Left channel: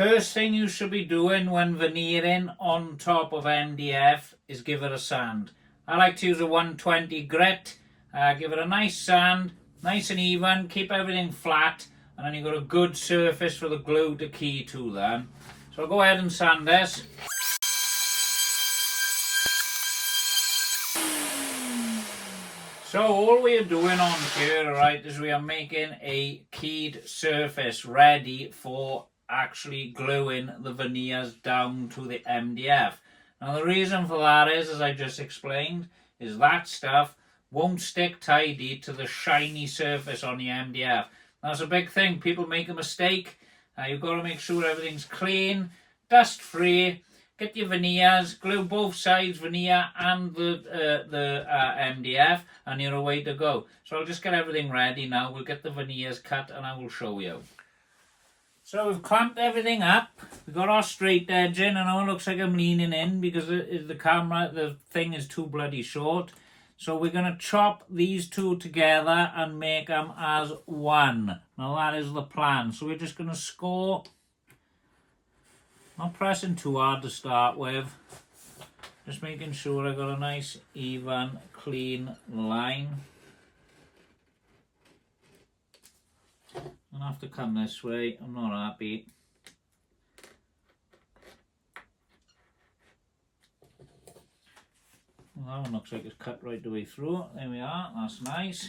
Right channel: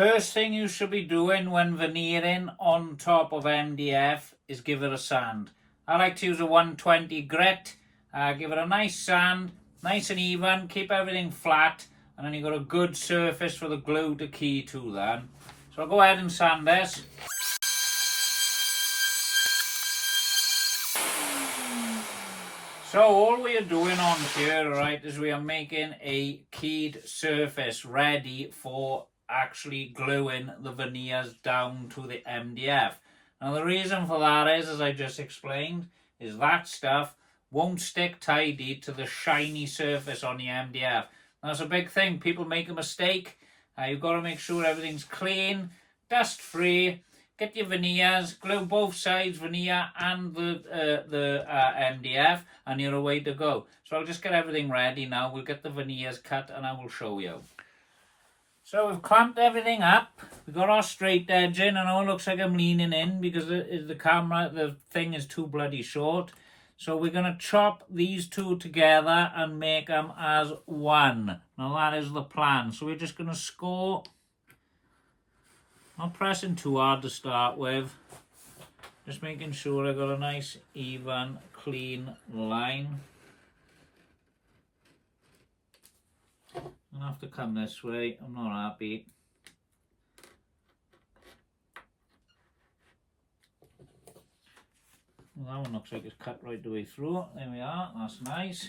first thing you should be doing when veneering on top of MDF is give it a sand. I like to use a 120 grit. Give it a nice sand, nice and even, keep everything flat, and then you've got a good surface for the glue to key to then. So I'll go ahead and sand this. So all we are doing on here, right, is we are making a keyed surface ready for actually gluing the veneers down to the MDF. Now the reason for that is, as I just explained, is that stuff won't stick tidy to the shiny surface on the MDF. That's a big thing. People make a mistake. You've got to make sure everything's clean, dust free. Get your veneers, glue both sides, veneer and the MDF, and you're away to go. So I'll just get everything ready now. We'll get the veneers cut and I will show you. So we've clamped everything up. We've got our straight edge in. I know it looks like I'm leaning in because the thing is too bloody short. So we're going to chop these two together and make them as one. Now that is the plan. So we're just going to score. Not pressing too hard to start with. Just making sure I got a nice, even, clean line. I'll have to come this way. I'm not happy. Well, that one looks like it's cut right the way through. There we are. That's nice.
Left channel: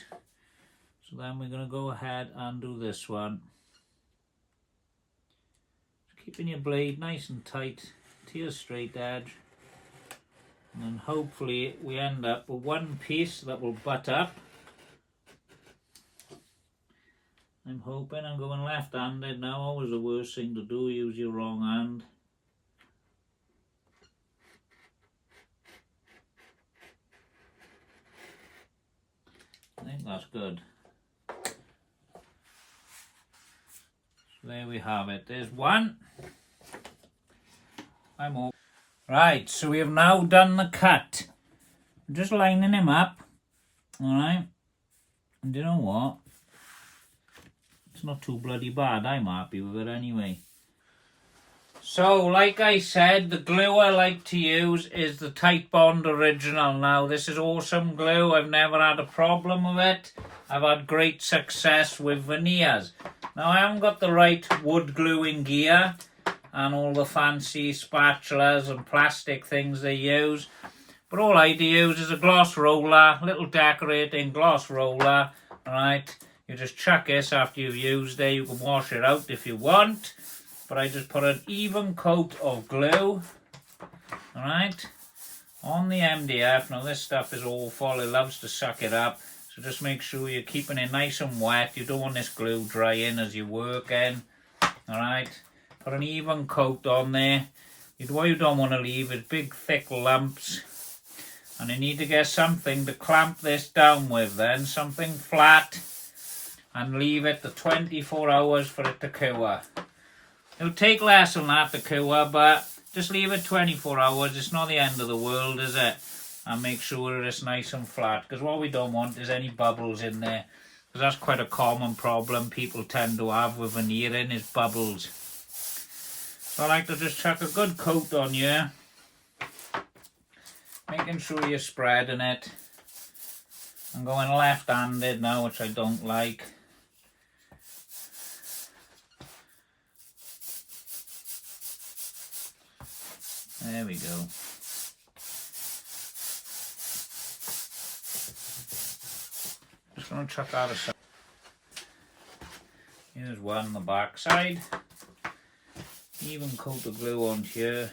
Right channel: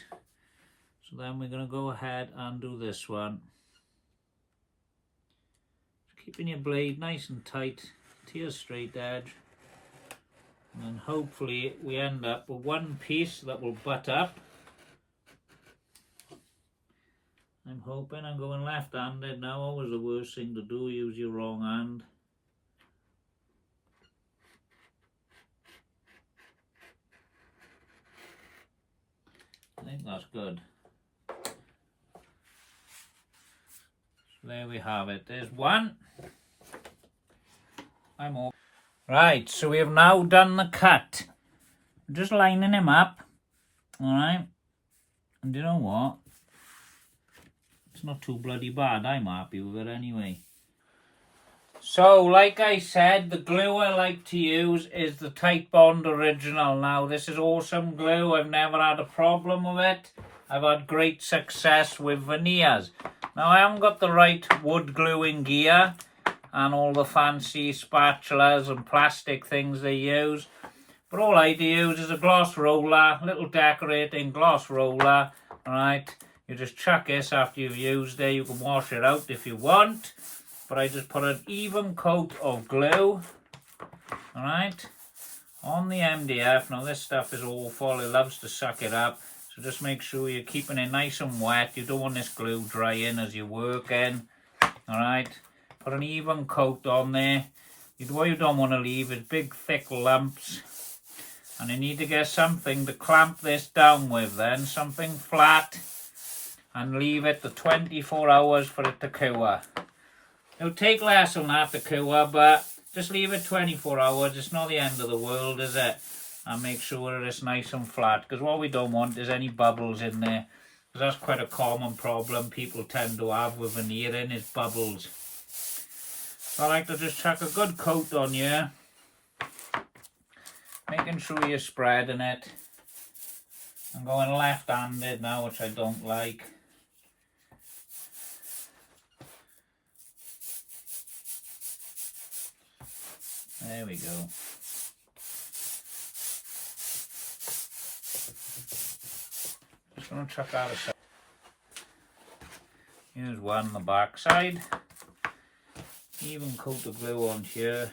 So then we're going to go ahead and do this one. Keeping your blade nice and tight to your straight edge, and then hopefully we end up with one piece that will butt up. I'm hoping. I'm going left-handed now. Always the worst thing to do, use your wrong hand. I think that's good. There we have it. There's one. I'm all right. So we have now done the cut. I'm just lining him up. All right. And you know what? It's not too bloody bad. I'm happy with it anyway. So, like I said, the glue I like to use is the Tight Bond Original. Now, this is awesome glue. I've never had a problem with it. I've had great success with veneers. Now, I haven't got the right wood gluing gear and all the fancy spatulas and plastic things they use. But all I do use is a gloss roller, little decorating gloss roller, alright? You just chuck this after you've used it. You can wash it out if you want. But I just put an even coat of glue, alright, on the MDF. Now, this stuff is awful. It loves to suck it up. So just make sure you're keeping it nice and wet. You don't want this glue drying as you're working. Alright. Put an even coat on there. What you don't want to leave is big thick lumps. And you need to get something to clamp this down with then. Something flat. And leave it to 24 hours for it to cure. It'll take less than that to cure, but just leave it 24 hours. It's not the end of the world, is it? And make sure it's nice and flat, because what we don't want is any bubbles in there, because that's quite a common problem people tend to have with veneering, is bubbles. So I like to just chuck a good coat on here, making sure you're spreading it. I'm going left-handed now, which I don't like. There we go. Just going to chuck that aside. Here's one on the back side. Even coat of glue on here.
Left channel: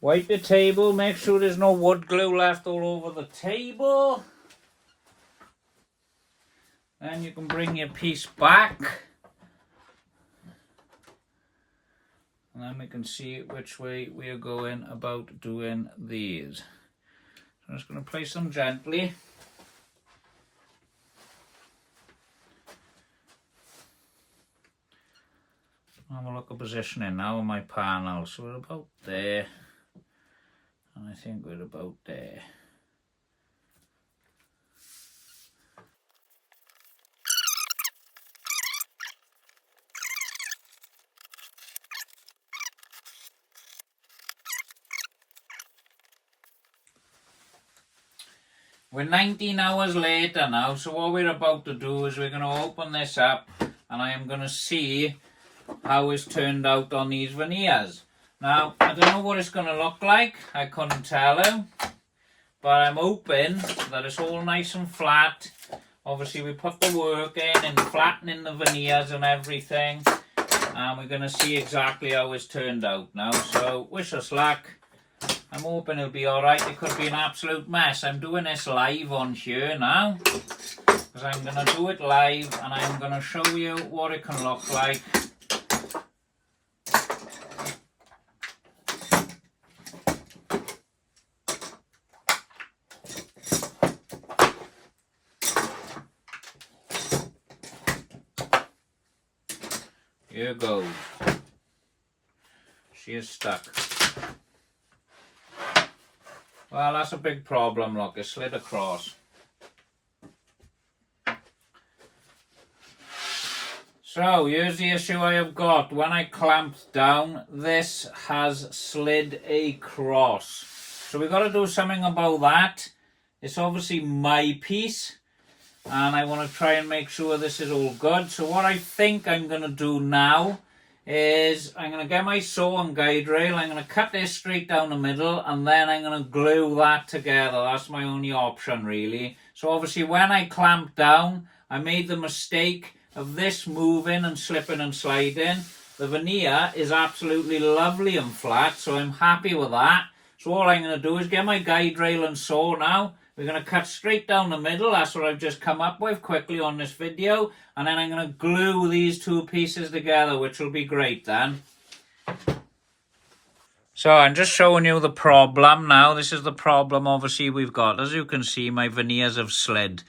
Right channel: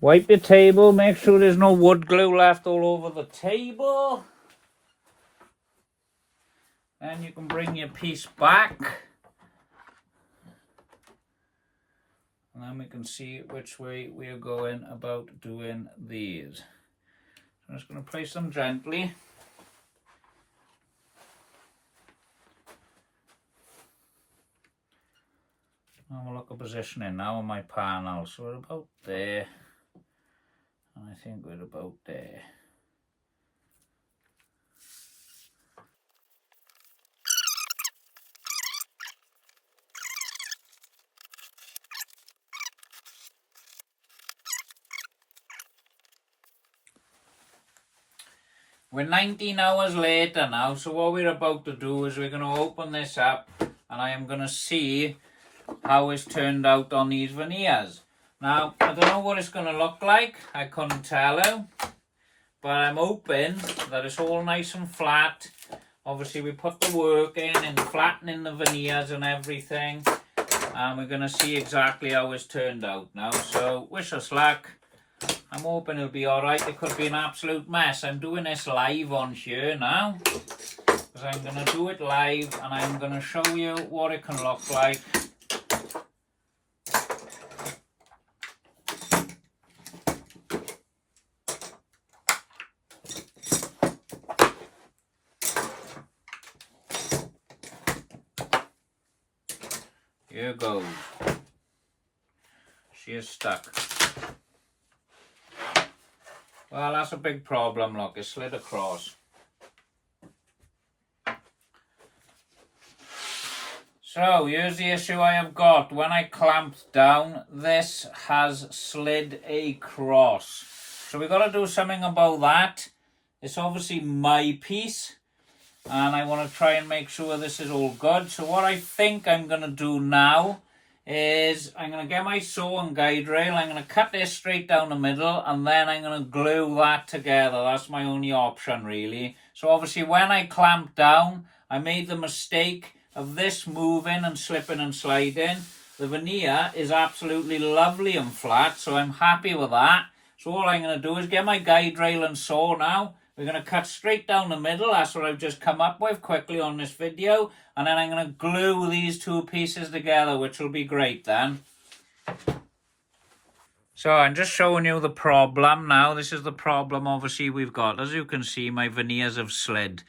Wipe your table, make sure there's no wood glue left all over the table. Then you can bring your piece back. And then we can see which way we are going about doing these. So I'm just going to place them gently. Have a look at positioning now on my panel. So we're about there. And I think we're about there. We're 19 hours later now, so what we're about to do is we're going to open this up and I am going to see how it's turned out on these veneers. Now, I don't know what it's going to look like, I couldn't tell you, but I'm hoping that it's all nice and flat. Obviously, we put the work in flattening the veneers and everything, and we're going to see exactly how it's turned out now. So, wish us luck. I'm hoping it'll be alright. It could be an absolute mess. I'm doing this live on here now, because I'm going to do it live, and I'm going to show you what it can look like. Here goes. She is stuck. Well, that's a big problem, look, it slid across. So, here's the issue I have got. When I clamped down, this has slid across. So we've got to do something about that. It's obviously my piece, and I want to try and make sure this is all good. So what I think I'm going to do now is I'm going to get my saw and guide rail, I'm going to cut this straight down the middle, and then I'm going to glue that together. That's my only option, really. So obviously when I clamped down, I made the mistake of this moving and slipping and sliding. The veneer is absolutely lovely and flat, so I'm happy with that. So all I'm going to do is get my guide rail and saw now. We're going to cut straight down the middle. That's what I've just come up with quickly on this video. And then I'm going to glue these two pieces together, which will be great then. So I'm just showing you the problem now. This is the problem obviously we've got. As you can see, my veneers have slid.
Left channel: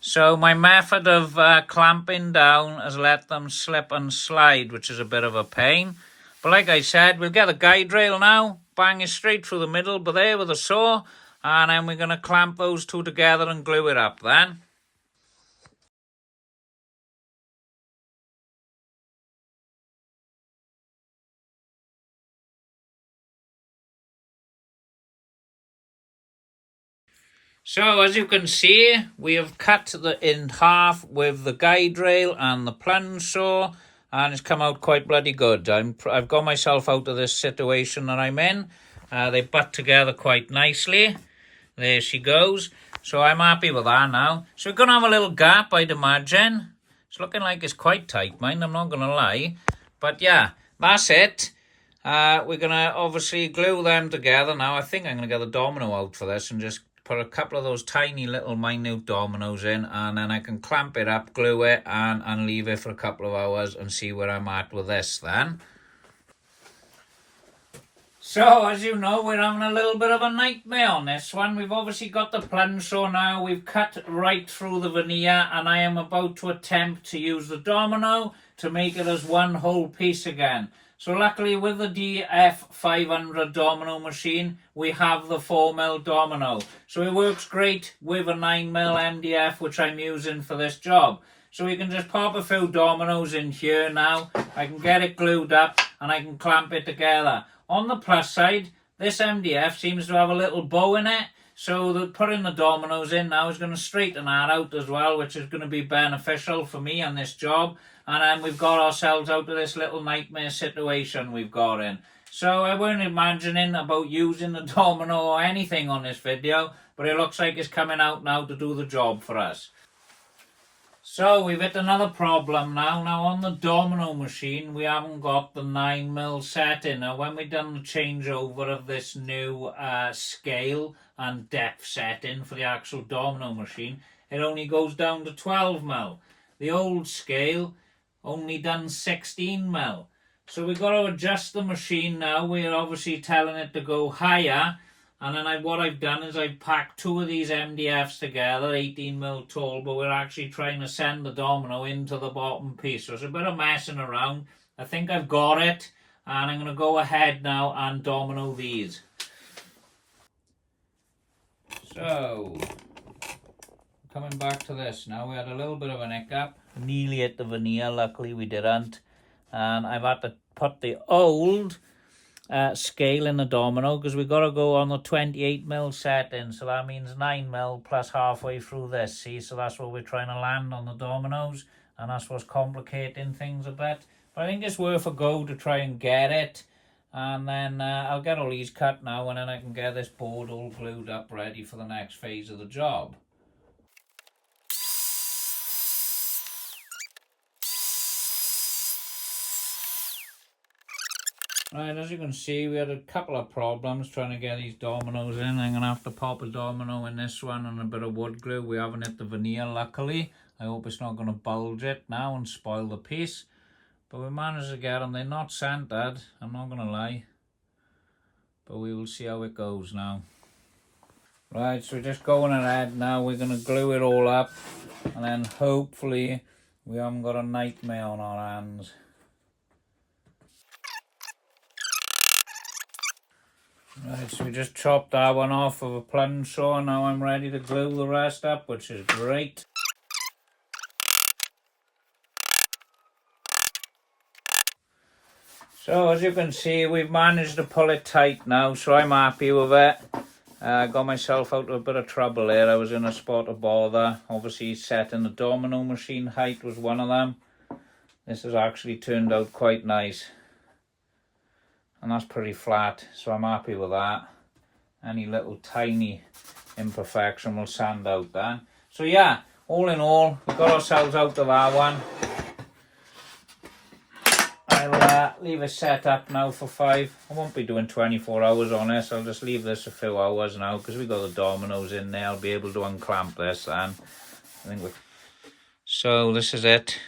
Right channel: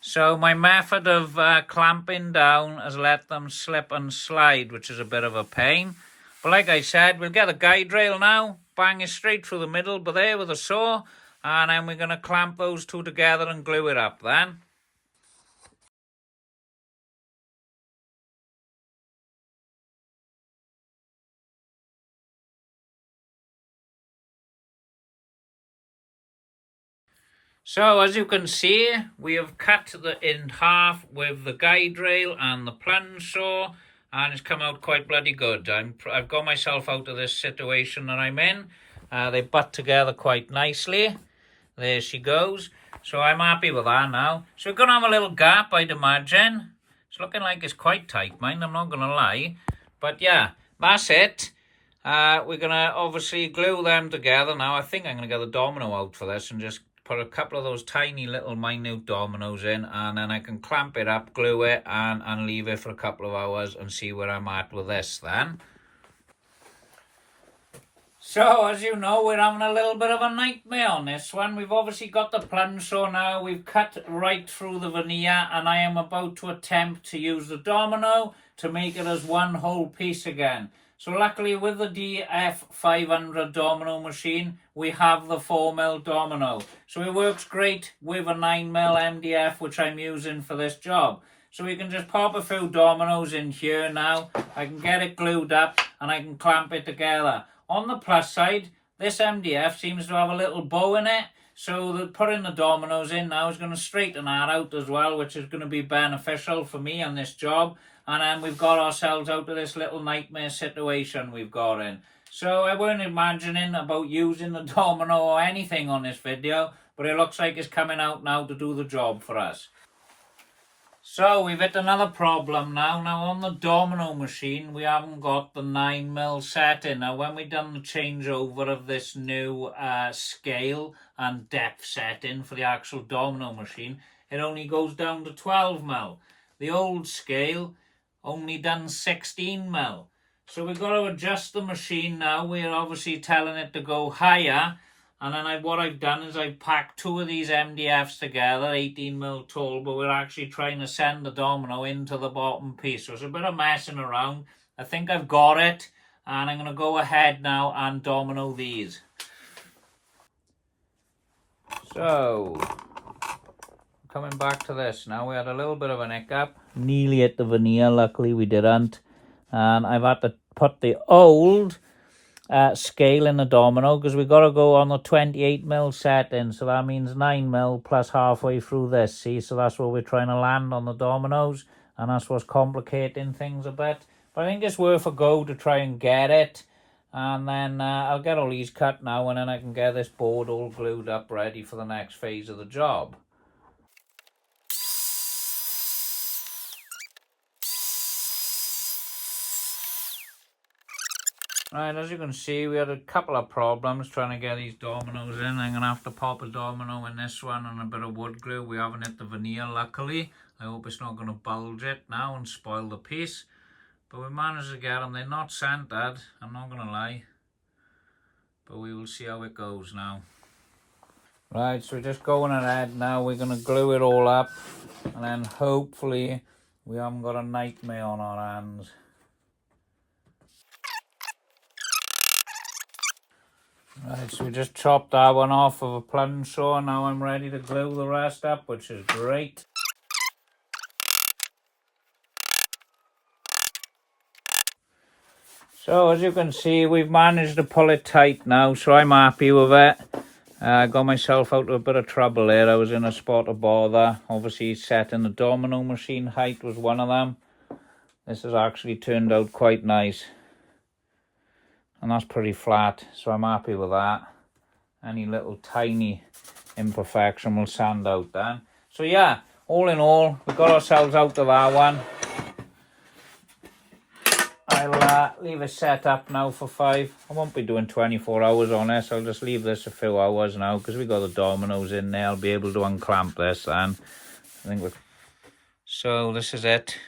So my method of clamping down has let them slip and slide, which is a bit of a pain. But like I said, we'll get a guide rail now, bang it straight through the middle, but there with a saw. And then we're going to clamp those two together and glue it up then. So as you can see, we have cut in half with the guide rail and the plunge saw, and it's come out quite bloody good. I've got myself out of this situation that I'm in. They butt together quite nicely. There she goes. So I'm happy with that now. So we're going to have a little gap, I'd imagine. It's looking like it's quite tight, mind, I'm not going to lie. But yeah, that's it. We're going to obviously glue them together now. I think I'm going to get the domino out for this and just put a couple of those tiny little minute dominoes in, and then I can clamp it up, glue it, and leave it for a couple of hours and see where I'm at with this then. So, as you know, we're having a little bit of a nightmare on this one. We've obviously got the plunge saw now. We've cut right through the veneer, and I am about to attempt to use the domino to make it as one whole piece again. So luckily with the DF500 domino machine, we have the 4mm domino. So it works great with a 9mm MDF, which I'm using for this job. So we can just pop a few dominoes in here now. I can get it glued up and I can clamp it together. On the plus side, this MDF seems to have a little bow in it. So that putting the dominoes in now is going to straighten that out as well, which is going to be beneficial for me on this job. And then we've got ourselves out of this little nightmare situation we've got in. So I weren't imagining about using the domino or anything on this video, but it looks like it's coming out now to do the job for us. So we've hit another problem now. Now on the domino machine, we haven't got the 9mm setting. Now when we done the changeover of this new scale and depth setting for the actual domino machine, it only goes down to 12mm. The old scale only done 16mm. So we've got to adjust the machine now. We're obviously telling it to go higher. And then what I've done is I've packed two of these MDFs together, 18mm tall, but we're actually trying to send the domino into the bottom piece. So it's a bit of messing around. I think I've got it. And I'm going to go ahead now and domino these. So, coming back to this now, we had a little bit of an hiccup. Nearly hit the veneer, luckily we didn't. And I've had to put the old scale in the domino because we got to go on the 28mm setting. So that means 9mm plus halfway through this, see? So that's what we're trying to land on the dominoes. And that's what's complicating things a bit. But I think it's worth a go to try and get it. And then I'll get all these cut now, and then I can get this board all glued up ready for the next phase of the job. Right, as you can see, we had a couple of problems trying to get these dominoes in. I'm going to have to pop a domino in this one and a bit of wood glue. We haven't hit the veneer, luckily. I hope it's not going to bulge it now and spoil the piece. But we managed to get them. They're not centered, I'm not going to lie. But we will see how it goes now. Right, so we're just going ahead now. We're going to glue it all up. And then hopefully we haven't got a nightmare on our hands. Right, so we just chopped that one off of a plunge saw. Now I'm ready to glue the rest up, which is great. So as you can see, we've managed to pull it tight now, so I'm happy with it. I got myself out of a bit of trouble there. I was in a spot of bother. Obviously setting the domino machine height was one of them. This has actually turned out quite nice. And that's pretty flat, so I'm happy with that. Any little tiny imperfection will sand out then. So yeah, all in all, we got ourselves out of that one. I'll leave it set up now for 5. I won't be doing 24 hours on this. I'll just leave this a few hours now because we got the dominoes in there. I'll be able to unclamp this then. So this is it.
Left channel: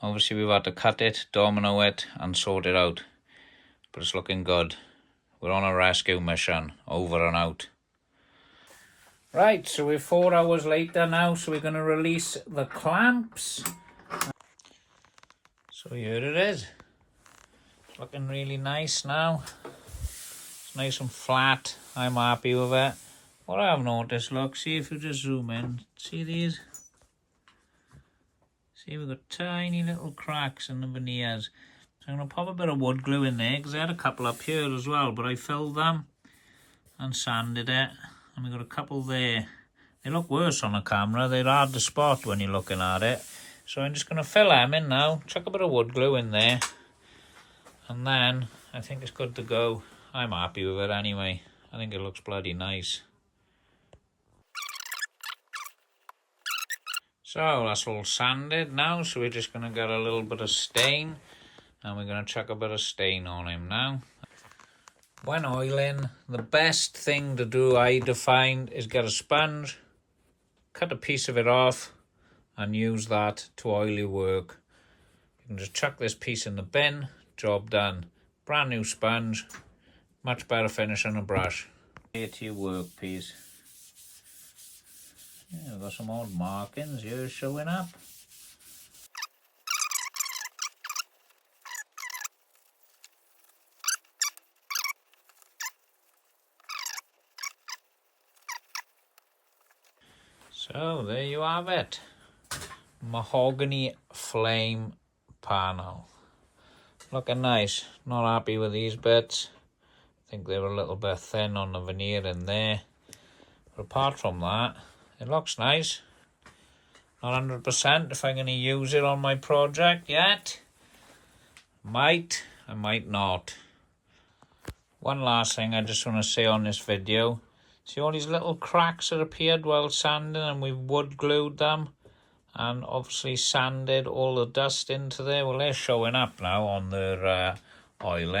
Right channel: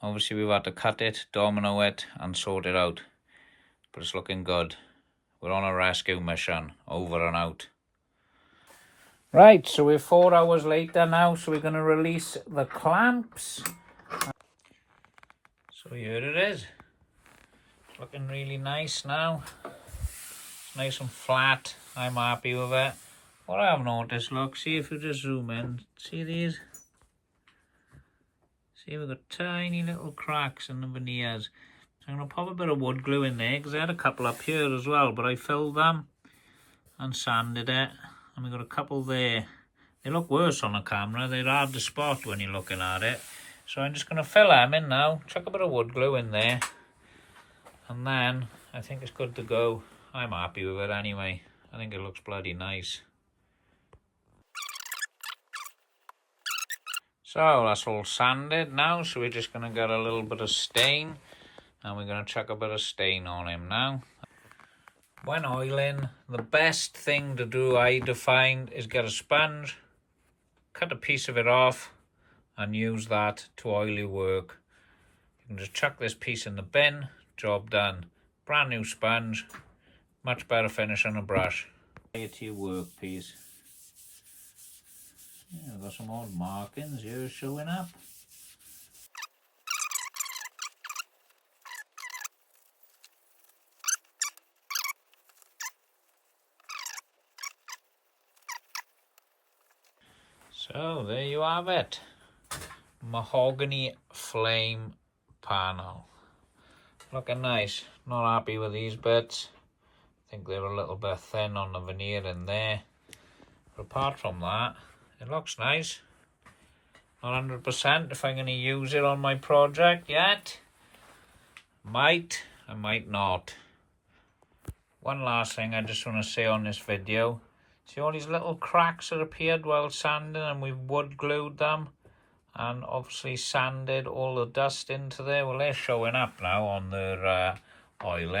Obviously we've had to cut it, domino it and sort it out. But it's looking good. We're on a rescue mission. Over and out. Right, so we're 4 hours later now, so we're going to release the clamps. So here it is. It's looking really nice now. It's nice and flat. I'm happy with it. What I have noticed, look, see if you just zoom in. See these? See, we've got tiny little cracks in the veneers. So I'm going to pop a bit of wood glue in there because I had a couple up here as well, but I filled them and sanded it. And we've got a couple there. They look worse on the camera. They're hard to spot when you're looking at it. So I'm just going to fill them in now, chuck a bit of wood glue in there, and then I think it's good to go. I'm happy with it anyway. I think it looks bloody nice. So that's all sanded now, so we're just going to get a little bit of stain, and we're going to chuck a bit of stain on him now. When oiling, the best thing to do, I find, is get a sponge, cut a piece of it off, and use that to oil your work. You can just chuck this piece in the bin, job done. Brand new sponge, much better finish on a brush. Here to your workpiece. Yeah, I've got some old markings here showing up. So there you have it. Mahogany flame panel. Looking nice. Not happy with these bits. I think they're a little bit thin on the veneer in there. But apart from that, it looks nice. Not 100% if I'm going to use it on my project yet. Might, I might not. One last thing I just want to say on this video. See all these little cracks that appeared while sanding, and we've wood glued them. And obviously sanded all the dust into there. Well, they're showing up now on their oiling.